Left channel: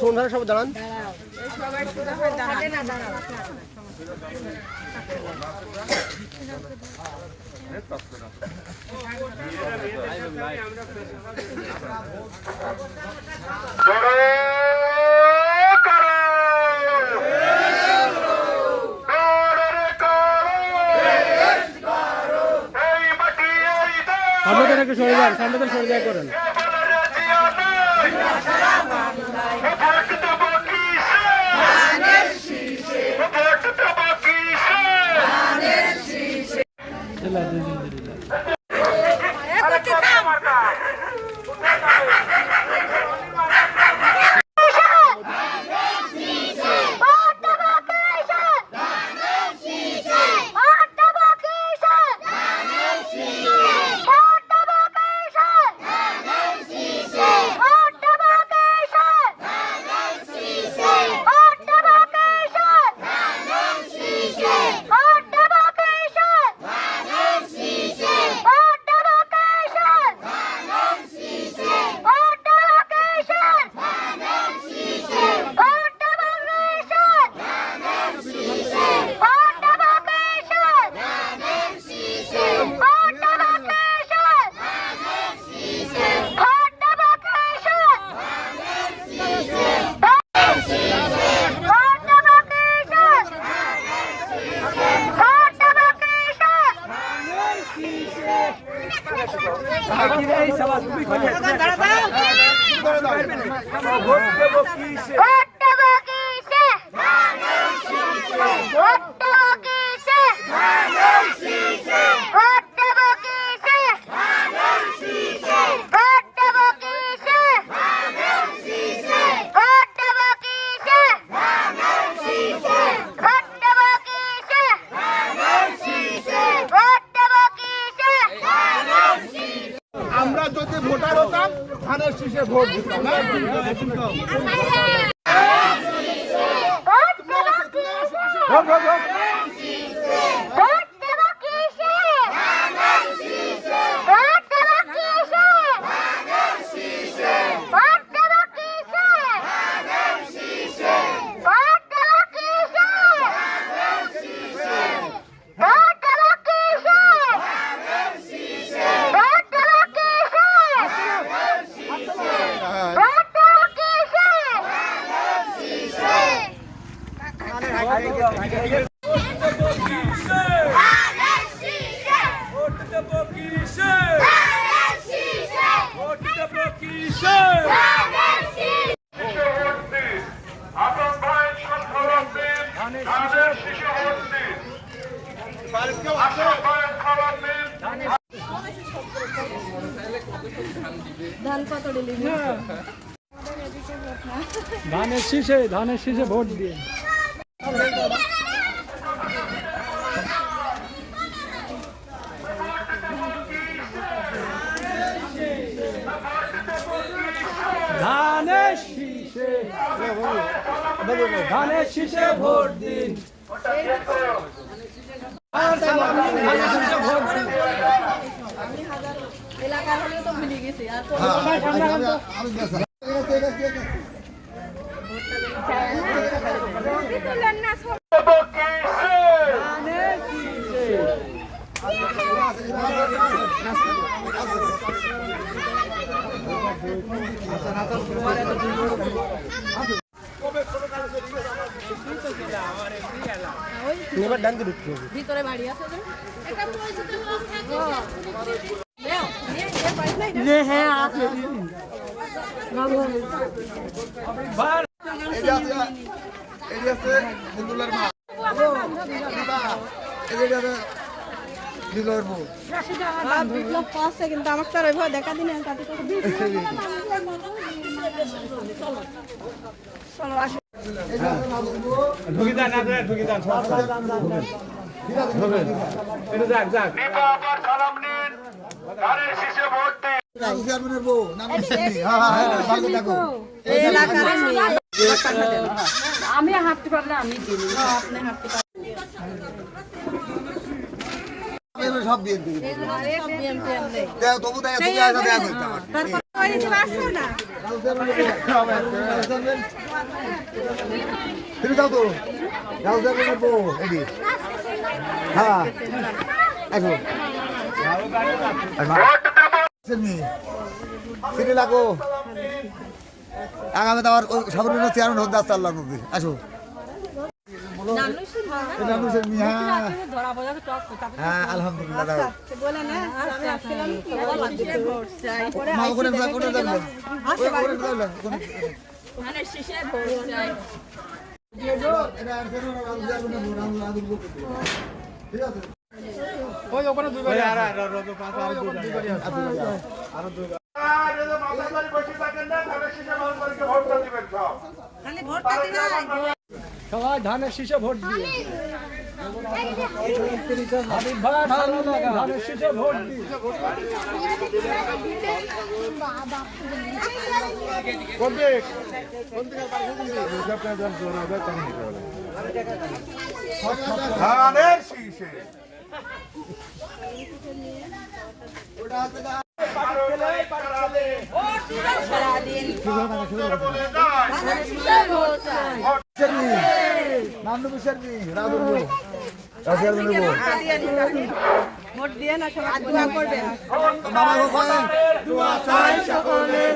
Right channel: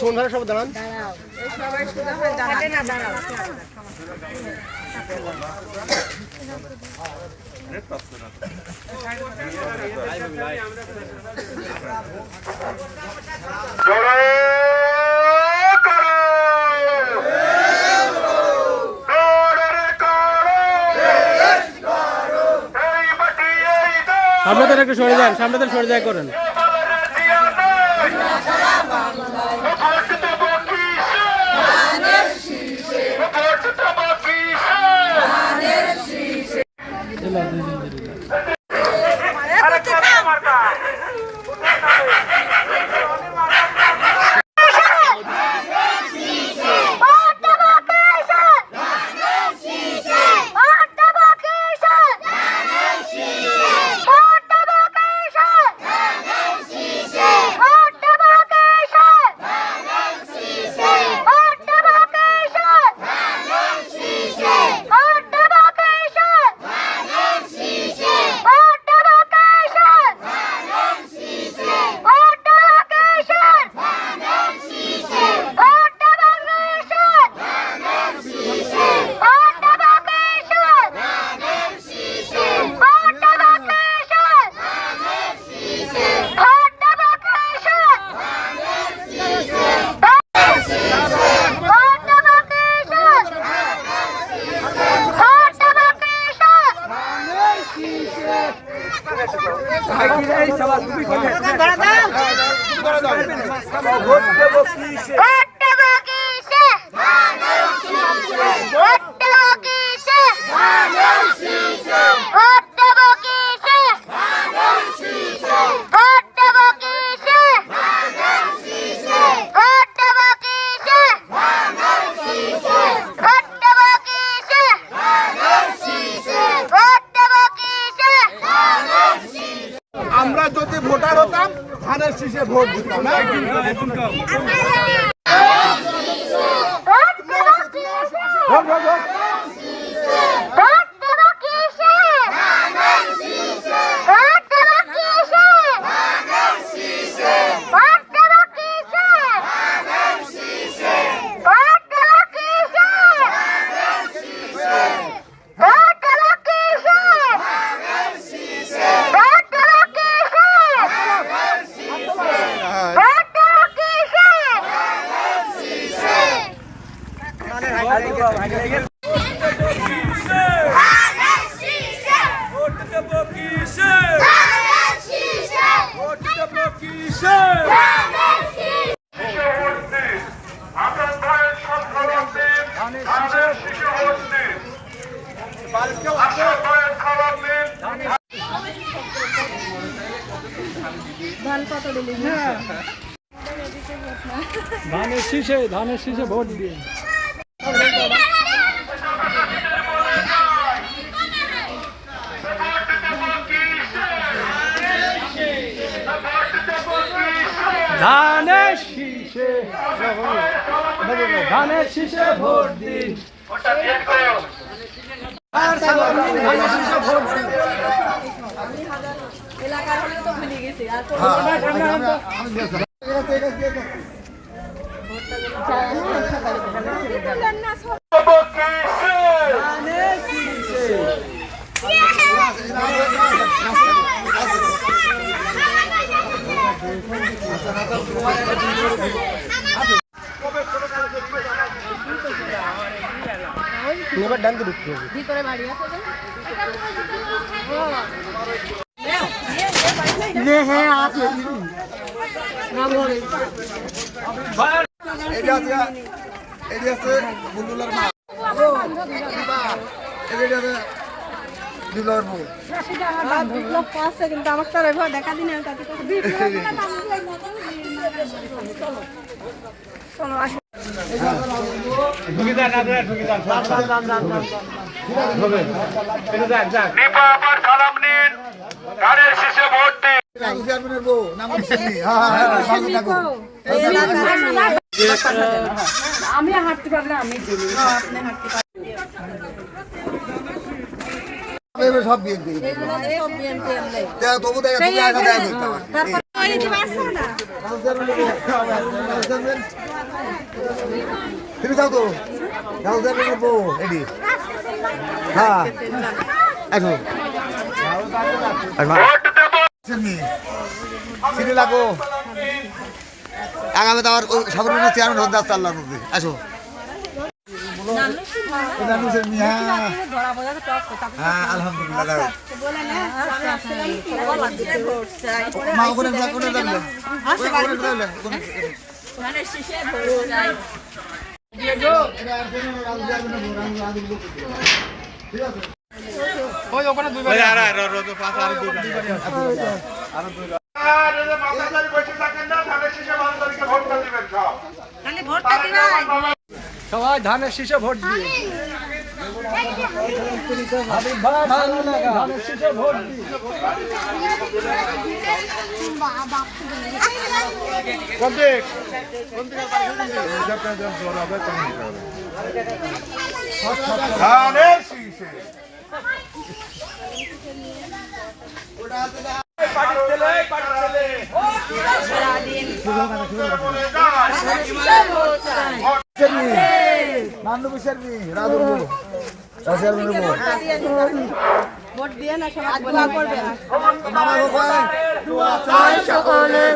সোনভার সব দাঁড়ান। সামনে একটু সরে যান, সামনে সরে যায় করেন। আমরা যদি ভোটার হতাম ধানের শীষে ভোট দিতাম। ধানের শীষে ভোট দিয়ে ধানের শীষে ভোট দিন। এলাকা হলেও তো ভুলে গেছি আর এবার ডানকে ঢুকতে হবে। ভিতরে বাড়ি আছে হ্যাঁ আছে কিন্তু আমার চলে দেখা দিন আমি হাঁটতে পারলে আমি দিই আপনি হাঁটতে পারবেন সব বিএনপি তবু দেখা তুমি যাও তো যাও যাবে নেবো এডি হ্যাঁ সিটি লাগো আগামী তো সর্বনিম্ন চেয়ারম্যান হতে আসতে আল্লাহ আসো হ্যাঁ আলহামদুলিল্লাহ সবাই ধানের শীষে ভোট দিয়ে হাবিব ভাই ধানের শীষে ভোট দিয়ে ধানের শীষে নান্নু বিচারবি রাগুর বলো ভোট দিয়ে না সবাই দোয়া করবেন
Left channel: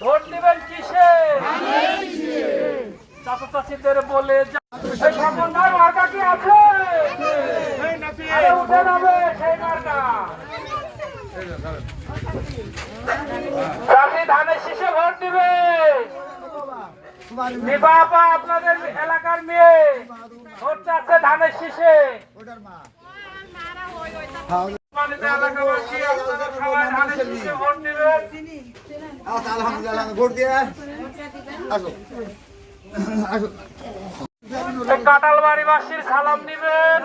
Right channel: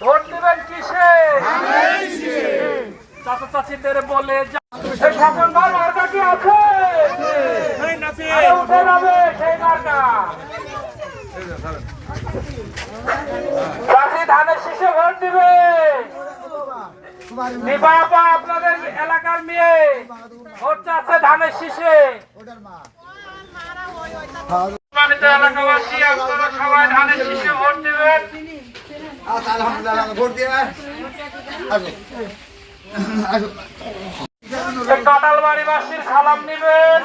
ভোট দিবেন কিসে চাচা চাচিদের বলে সেই খোকন ভাই মার্কা কি আছে উঠে যাবে সেই মার্কা চাচি ধানের শীষে ভোট দিবে বাবা আপনাদের এলাকার মেয়ে ভোট চাচ্ছে ধানের শীষে এলাকাবাসী আপনারা সবাই ধানের শীষে ভোট দিবেন আচ্ছা আলহামদুলিল্লাহ ভোট দিয়ে আসো আসো কাঁঠালবাড়িবাসীর সালাম নিবেন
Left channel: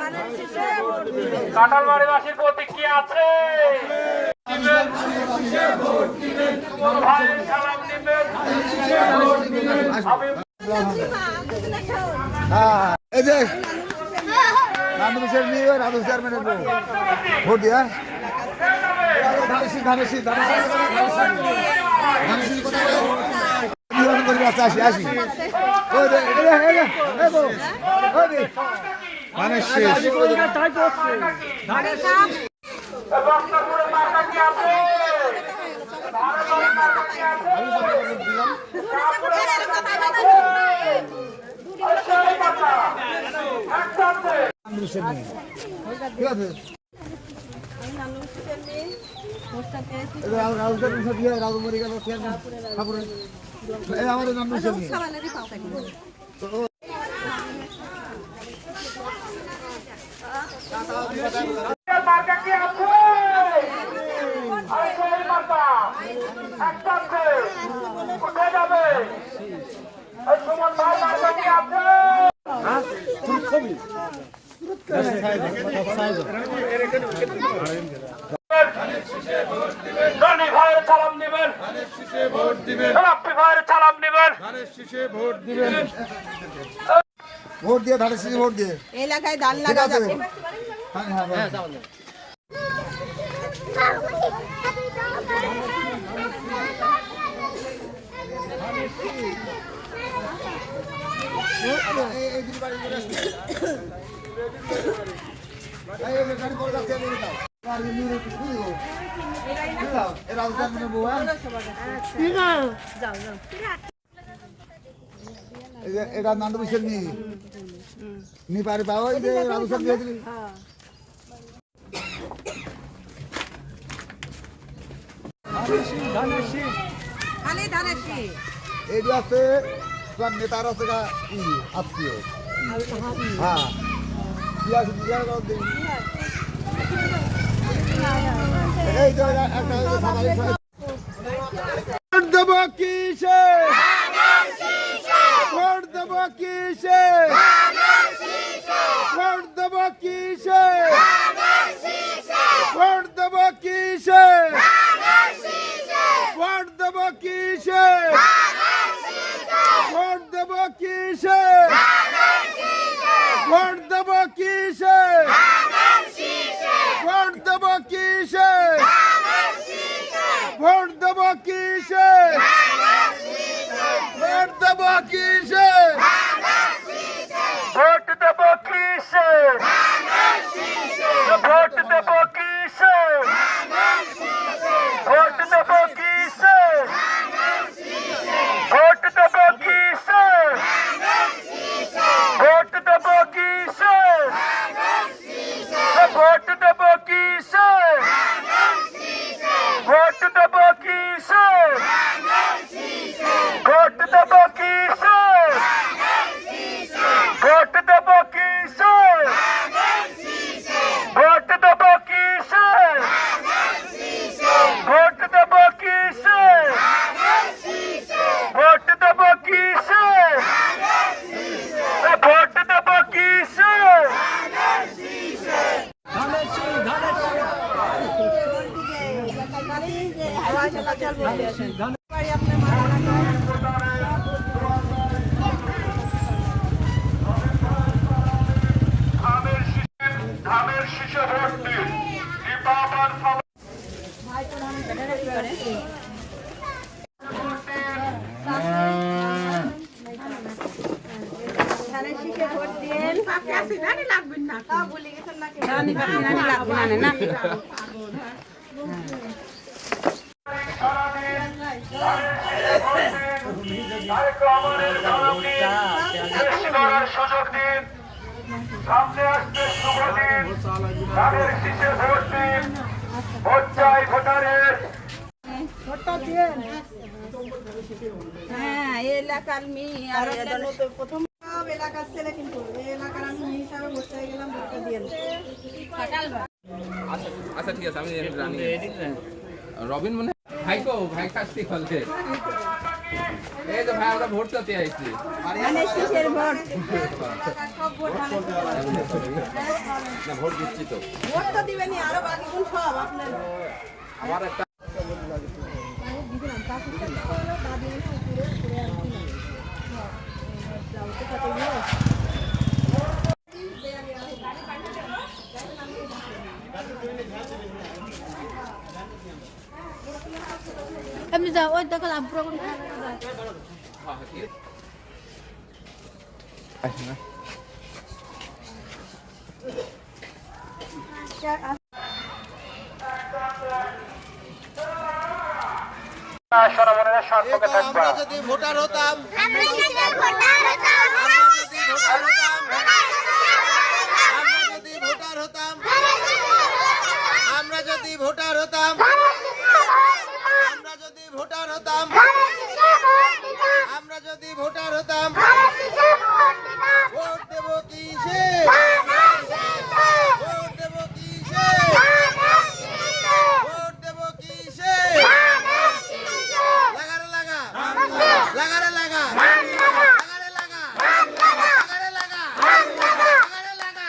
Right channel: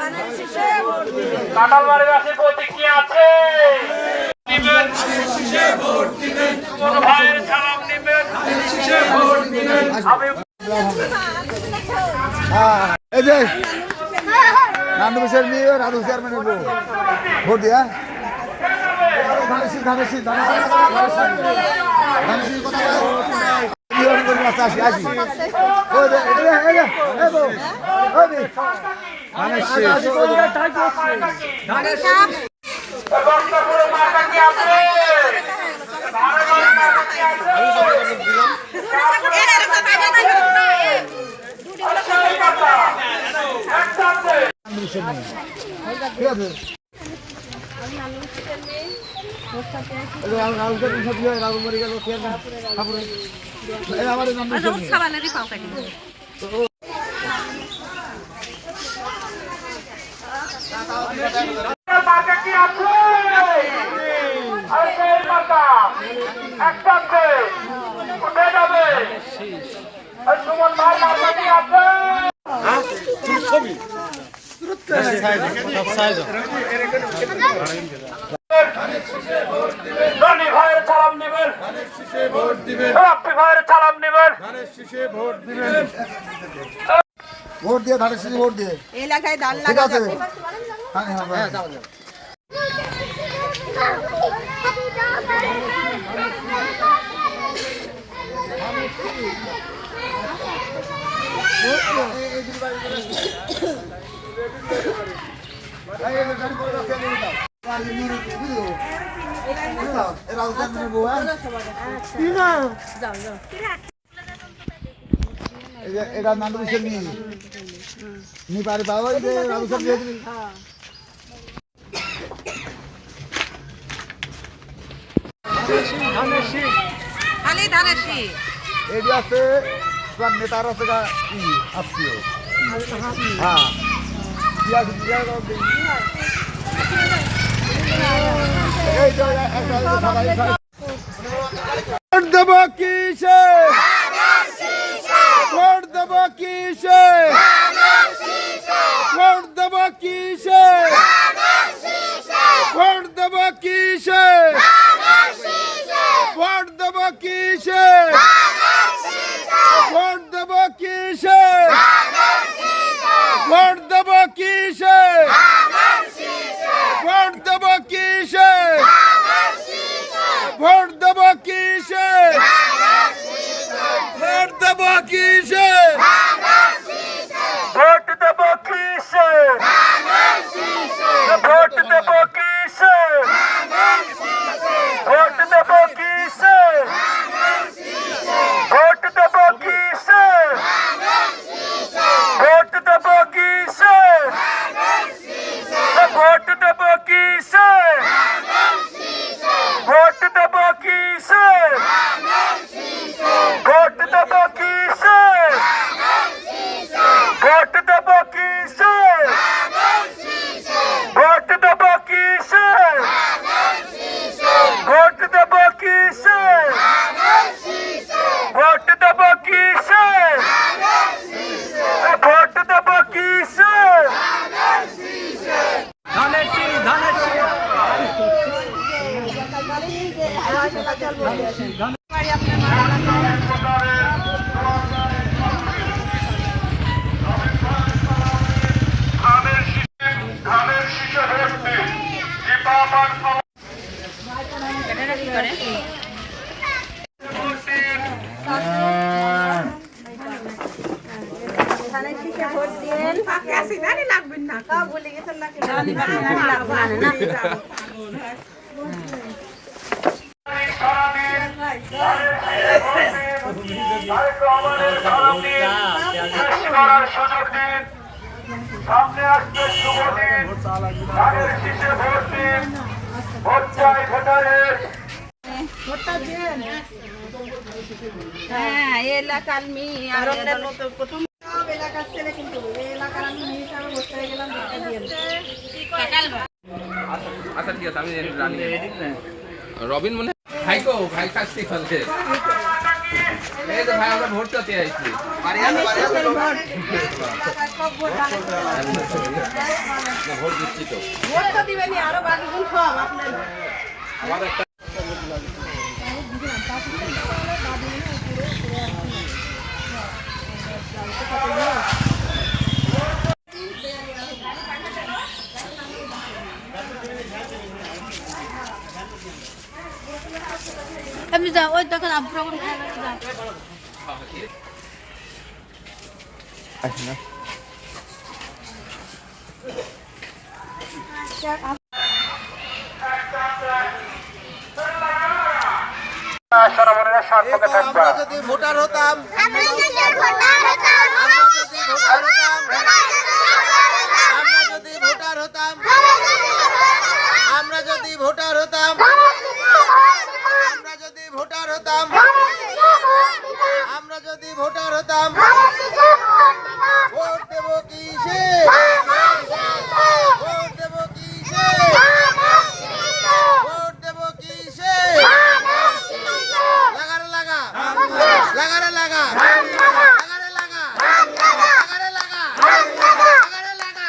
কাঁঠালবাড়িবাসীর প্রতিক্রিয়া আছে ভাইয়ের সালাম নিবেন এই যে নান্নু বিচার নিয়ে রাজু চেয়ারম্যানের বউ ভোট দিয়া আসি আসি বক্তব্যের মার্কা কি আছে ঠিক আছে রাজু মরে গেল আমাদের নাম মার্কা কি আছে সেই মার্কা একসাথে উঠে যাবে সুমন ভাই মার্কা কি আছে রনি ভাইয়ের সালাম নেবেন রাপ্পি ভাইয়ের সালাম নেবেন ভোট দিয়ে ধানের শীষে ভোট দিয়ে এলাকায় ধান ঠিক লাগা আছে যাবে হ্যাঁ হ্যাঁ এটা নান্ডু বিষয় নি পারি পাওয়া যে রাজু সব দিয়ে দিবি এটি আছে নেতার আছে আত্মীয় হ্যাঁ ভোট দেব কিসে ভোট দেব কিসে ভোট দেব কিসে ভোট দেব কিসে ভোট দেব কিসে ভোট দেব কিসে ভোট দেব কিসে ভোট দেব কিসে ভোট দেব কিসে ভোট দেব কিসে ভোট দেব কিসে ভোট দেব কিসে ভোট দেব কিসে ভোট দেব কিসে ভোট দেব কিসে ভোট দেব কিসে ভোট দেব কিসে ভোট দেব কিসে ভোট দেব কিসে ভোট দেব কিসে ভোট দেব কিসে ভোট দেব কিসে ধানের শীষ ধানের ধানের শীষে ভোট দিন দীপাবন সুযোগ দিন সামনে আসবে শুভ দিন ধানের শীষে ভোট দিন ভোট চাই ভোটারের হ্যাঁ এলাকার মেয়ে আর প্রথম এলাকার ছেলে কিন্তু এলাকার আমি হিসাবে বসতে গেলাম আচ্ছা ঠিক আছে আমি রানি রবিন মনে ভাইকো ভাই কাছে খেলছে এই তো ভাই আমরা ভোট দিতে আইছি না ভোট দিচ্ছি তো ভোট তো দিবেনি আরো বাকি দিন সব আপনার আমার একটা এমনি যা ওই দোকান আব্রো সরবরাহের স্বার্থকে থাকবে আমরা যদি ভোটার হতাম আমরা যদি ভোটার হতাম আমরা যদি ভোটার হতাম আমরা যদি ভোটার হতাম আমরা যদি ভোটার হতাম ভোট দেব কিসে ভোট দেব কিসে ভোট দেব কিসে লাগারে লাগা লাগারে লাগা লাগারে লাগা লাগারে লাগা লাগারে লাগা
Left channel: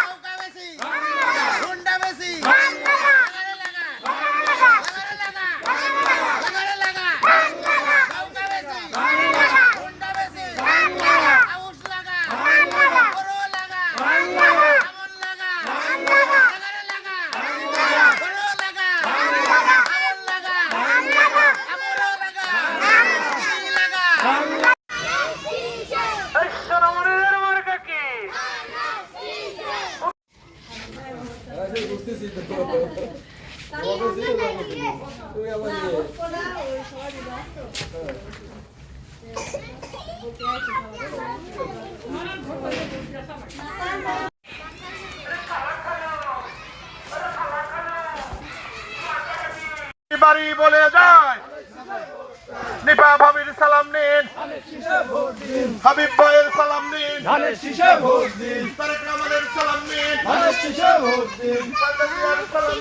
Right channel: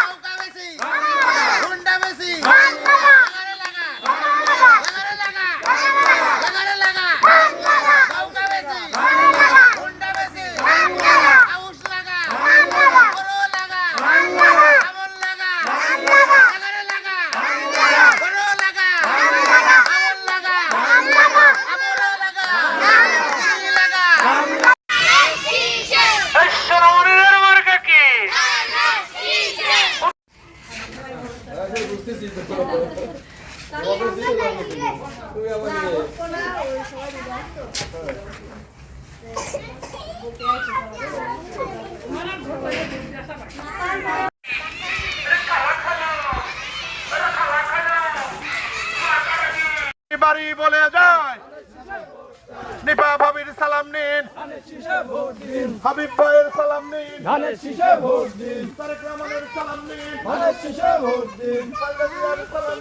নৌকা বেশি গুন্ডা বেশি লাগারে লাগা লাগারে লাগা লাগারে লাগা নৌকা বেশি গুন্ডা বেশি আউশ লাগা বড় লাগা আমন লাগা লাগারে লাগা বড় লাগা আমন লাগা সরবরাহের মার্কা কি বাড়ি বলে যায় নিপা ভাবির সালাম নিন হাবিব ভাইয়ের সালাম নিন তারেক রহমানের সালাম নিন সালাম